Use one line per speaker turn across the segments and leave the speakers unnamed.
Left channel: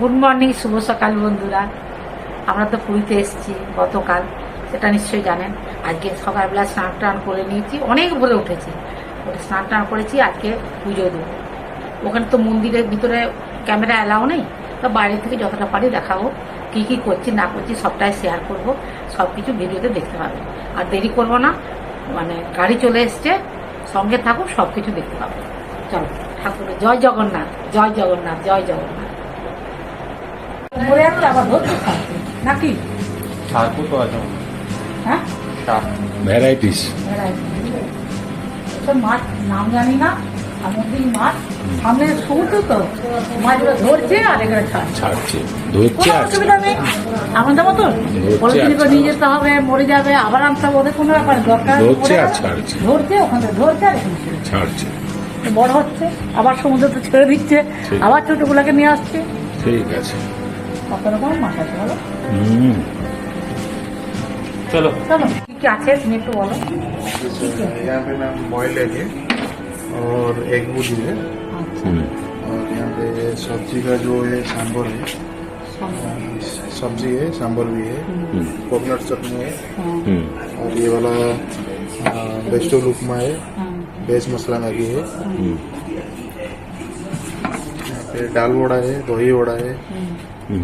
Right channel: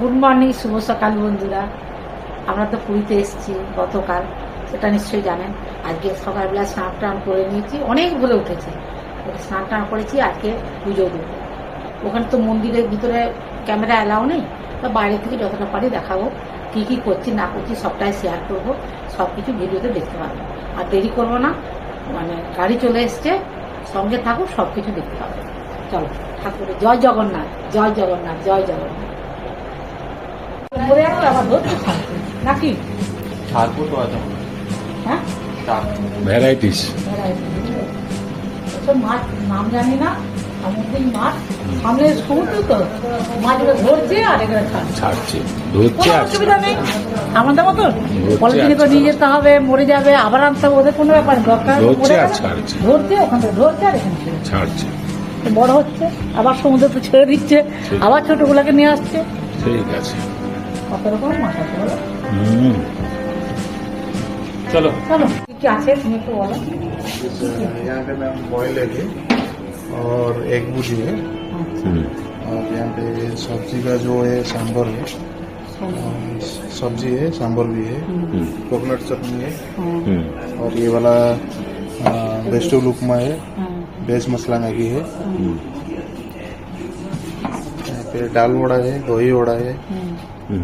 Good morning শুভ সকাল বন্ধুরা। আমরা তো পুরীতে এসেছি গতকাল, সেটা নিশ্চয়ই জানেন। আজকে সকালবেলা স্নান টান করে নিয়েছি, অনেক ভোরে উঠেছি। ওটা স্নান টান করেছি, আজকে পুজো দেবো। ওখানে তো মন্দিরের ভিতরে ক্যামেরা অ্যালাউ নেই, তো বাইরে থেকে যতটা পারি দেখাবো, কি কি করছি, না করছি, সবটাই শেয়ার করব। সব কিছু ভিডিওতে দেখতে পাবেন আর দেরি করব না মানে গাড়ি চলে এসছে, সঙ্গে থাকুক সব কিছু দেখতে পাবেন চলো ঠাকুরের জয় জগন্নাথ জয় জগন্নাথ জয় জগন্নাথ করে একটা আবার ধরতে থাকবে, নাকি?
ঠাকুর তো আছে।
হ্যাঁ?
ভ্যারাইটিস
মাছ নাম জানি না মাছ? সামনে সমুদ্র তো। মাছগুলো ধরছে আর এখানে
ছাড়ছে। ধরছে
অসুবিধা নেই। আমাদের মতন?
ধরছে
পলিথিনে
আর
নিয়ে যেতে হবে মরে যাবে আবার আনতে হবে ওদের কোনো ব্যাপার দরকার
ধরছে আর ছাড়ছে।
ধরছে ওখান থেকে ধরছে আর এখানে
ছাড়ছে।
বড় হচ্ছে আবার সমুদ্র তো ছেড়ে দিচ্ছে। আবার ছোটগুলোকে নিয়ে আসছে।
ঠিক আছে।
কত রকম মাছ আছে বলো
হুম
चलो
চলো কি কি আছে তুমি একটু বলো
यहाँ पे मैम बॉइल्ड एग है और एग भुजी है
হুম
और यहाँ पे सब्जी का जो है सांबर है सब्जी है सांबर भी है
হুম
कोकोनट चटनी है
হুম
और ये वाला वेजिटेबल उपमा है
হ্যাঁ
बेस मसाला मैगी है
হুম
यहाँ पे दाल वड़ा है दही वड़ा है
হুম
হুম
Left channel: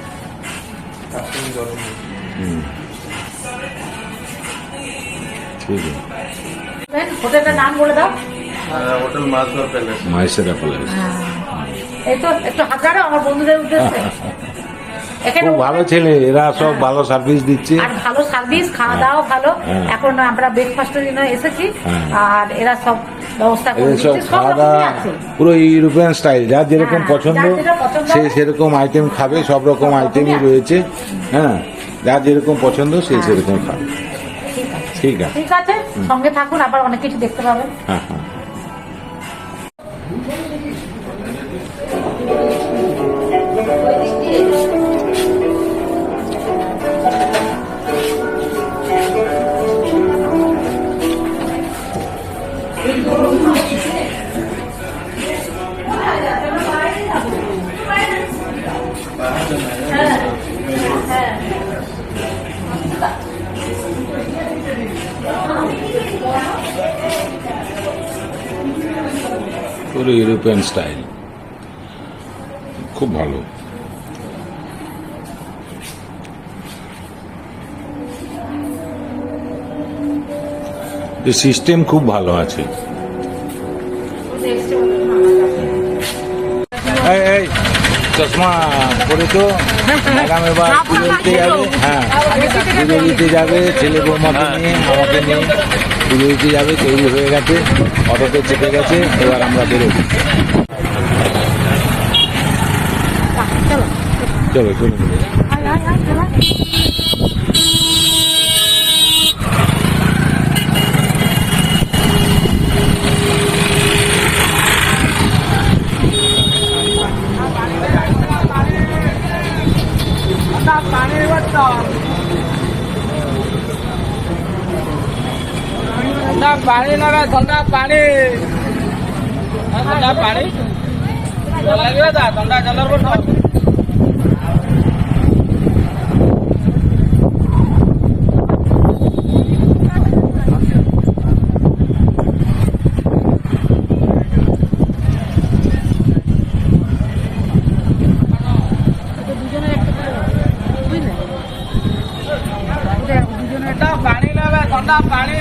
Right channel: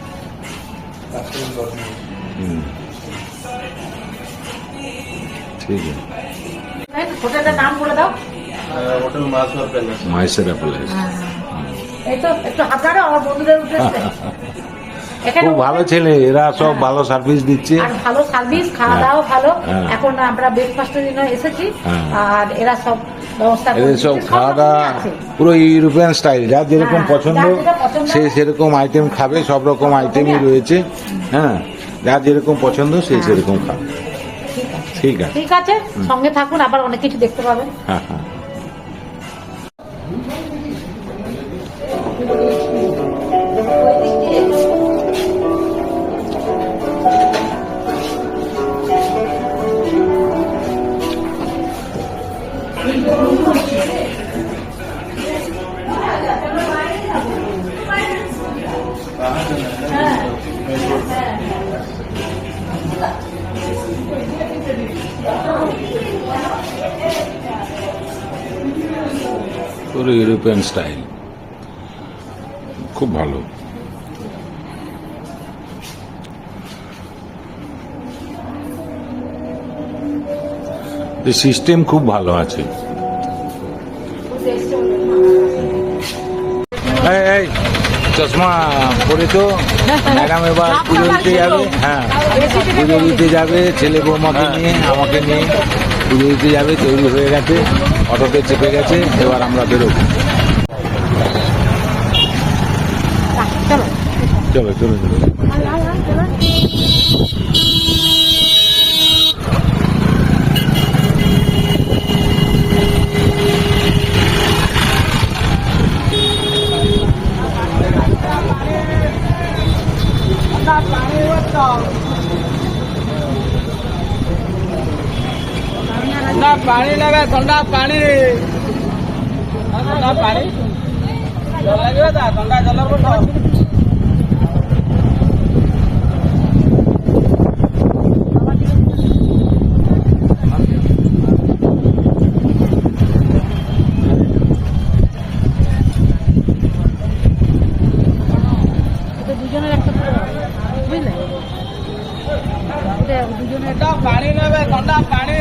ঠিক
নাম বলে দাও
hotel Maisera palace.
Maisera palace. হ্যাঁ।
এই তো একটু হাত আমার বন্ধুদের উদ্দেশ্যে।
খুব ভালো ছেলে এরা সব ভালো সার্ভিস দিচ্ছে।
আর ভালো সার্ভিস খাওয়া দাওয়া ভালো।
হ্যাঁ।
এখন আমরা ব্রেকফাস্টের জন্য এসেছি।
হ্যাঁ।
আর এরা সব ব্যবস্থা
সব খাওয়া দাওয়া পুরো ইউরোপিয়ান স্টাইল যার যেরকম
হ্যাঁ,
পছন্দ। সে সেরকম আইটেম খাবে সব রকম আইটেমই রয়েছে। হ্যাঁ যার যেরকম পছন্দ সে সেরকম খাবে।
ঠিক আছে।
ঠিক আছে।
ঠিক আছে সঙ্গে থাকুন আবার অনেক কিছু দেখতে পাবেন।
হ্যাঁ হ্যাঁ। পুরো ইউরোপিয়ান স্টাইল খুব ভালো। সিস্টেম খুব ভালো আছে। চশমা পরে তো ম্যাডাম এবার পুজো দিতে যাবে। হ্যাঁ পুজো দিতে যাবে, ছেলে বৌমাকে নিয়ে, আমাকে নিয়ে। বিরতিতে যাবে তৈরি হয়ে গেছে অটোতে চেপে গেছে এবার আমরা বেরোব। চলো চলো চলো।
ପାଣି ନେବେ ଥଣ୍ଡା ପାଣି ଥଣ୍ଡା ପାଣି ଲାଗିବ ତା ଥଣ୍ଡା କଲର କରୁଛ ଥଣ୍ଡା ପାଣି ନେବେ ଥଣ୍ଡା ପାଣି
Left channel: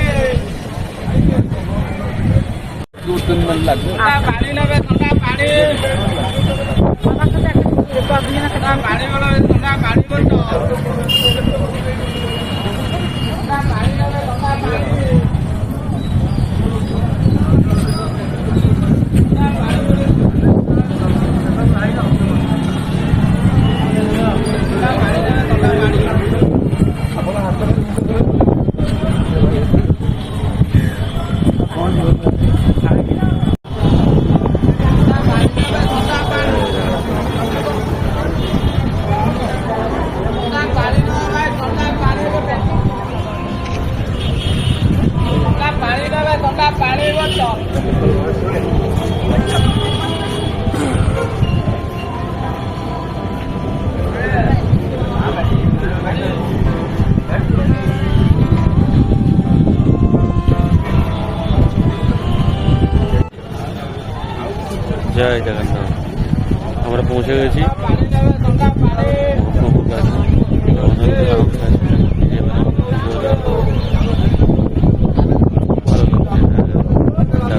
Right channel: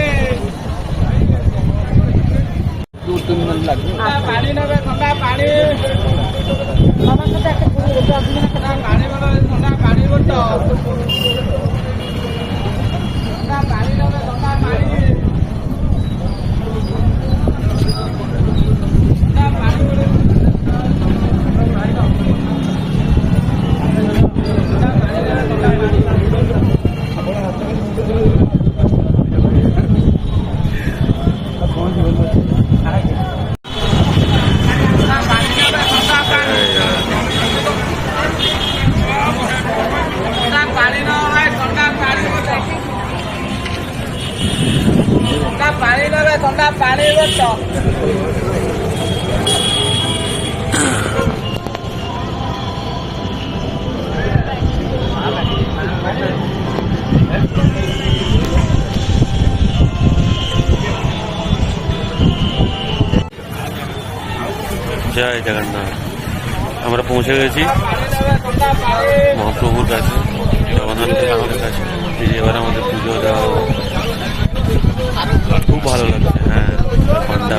કૂદકૂદ મને લાગે પાણી ના પાણી પાણી
জয় জগন্নাথ। আমরা পৌঁছে গেছি। মহাপ্রভুর কাছে, জগন্নাথ ঠাকুরের কাছে। এবার আমাদের পুজো দেওয়া খুব ভালো লাগছে হ্যাঁ পান্ডা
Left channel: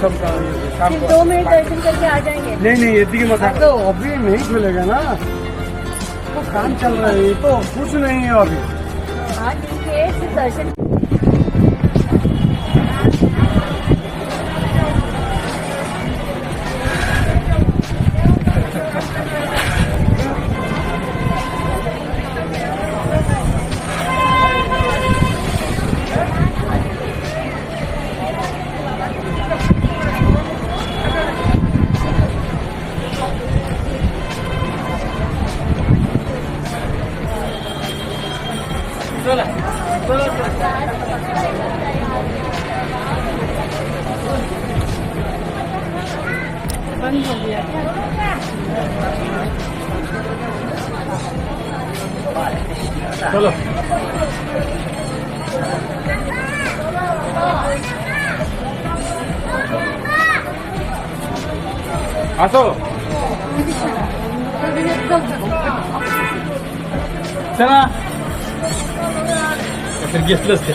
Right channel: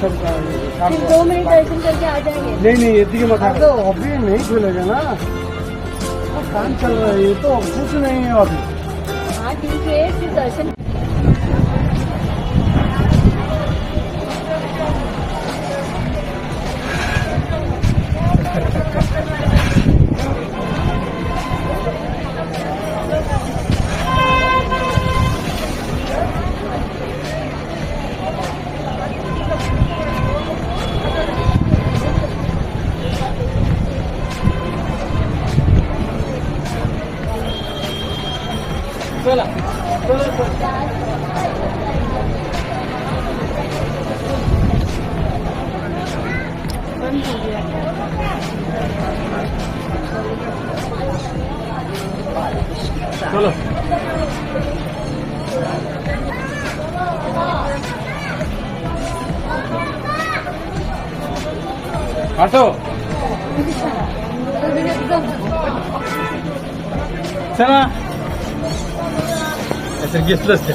सब काम
दो मिनट दर्शन करके आ जाएँगे।
नहीं नहीं यदि देखिए मत तो अभी नहीं खुलेगा ना। काम चल रहा है ये तो कुछ नहीं है अभी।
हाँ ठीक है दर्शन
আসো चला असं घेतलंच ते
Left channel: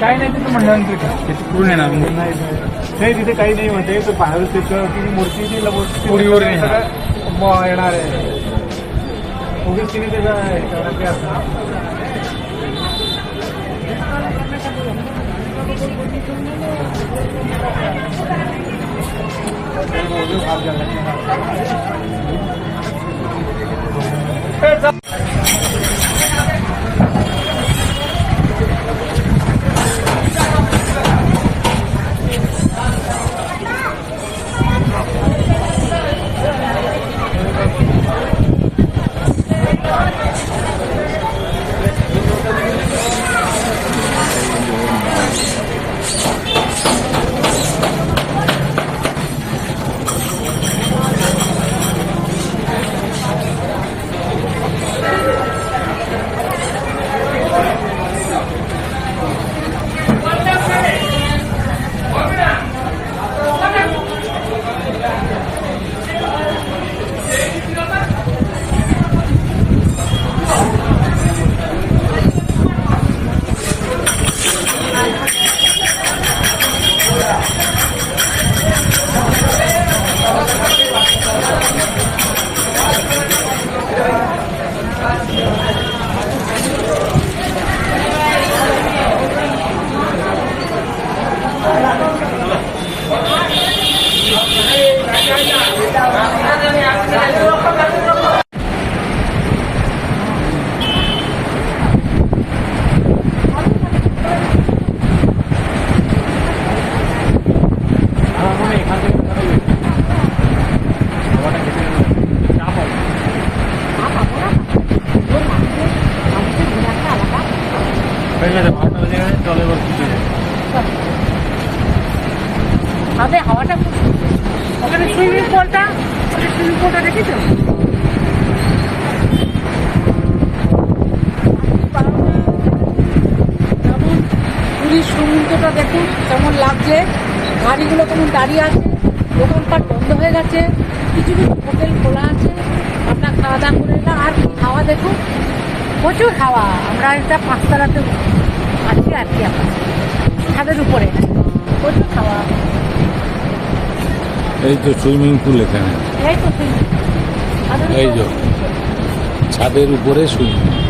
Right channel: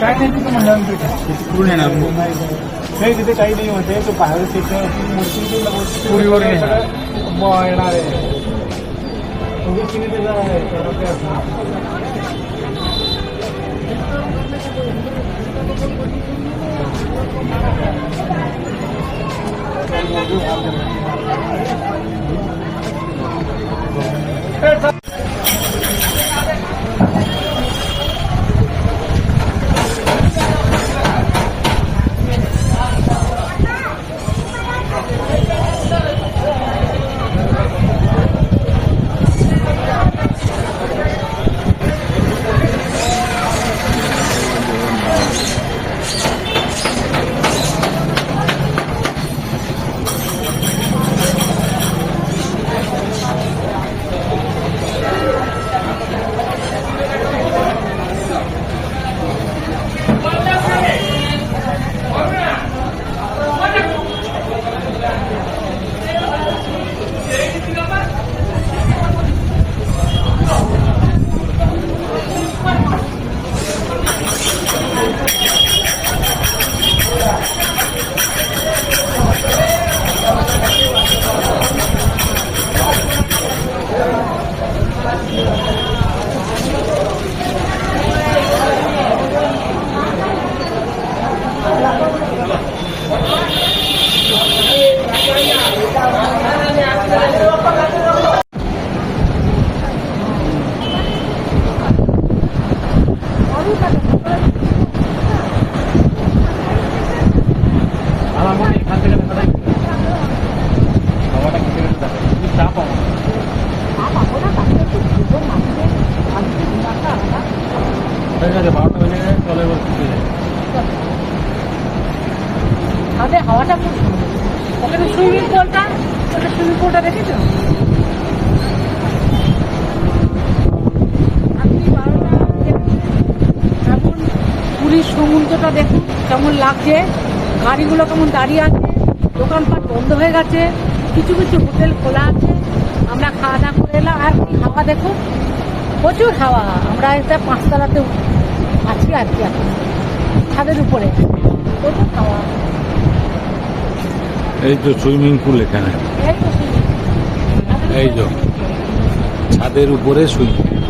काय नाही तिथे म्हणल्यानंतर काय? तिथे पूर्ण येणार नाही. तिथे काही नाही म्हणते तो बाहेर मूर्ती ती मूर्ती पुरीवर येणार. आहे. उगीच तिने त्याचा 开车
ছাদে হাওয়াটা খুব সুন্দর। ওখানে সুইমিং পুলটা, ওখানে সুইমিং পুলটা দেখেছ? পুলিশ সমুদ্রটা দেখুন, কেমন লাগছে, গাড়িগুলো কেমন দাঁড়িয়ে আছে দোকানটা বন্ধ হয়ে গেছে, কিছু কিছু হোটেল খোলা আছে, আমরা খাওয়া দাওয়া করে এলাম। আর হাওয়া দেখুন, প্রচুর হাওয়া। আমরা এটা পাঁচতলাতে আছি আর কি ছাদের উপরে, প্রচুর খাওয়া
এই তো সুইমিং পুল এখানে।
এই তো
ছাদের উপরে সুইমিং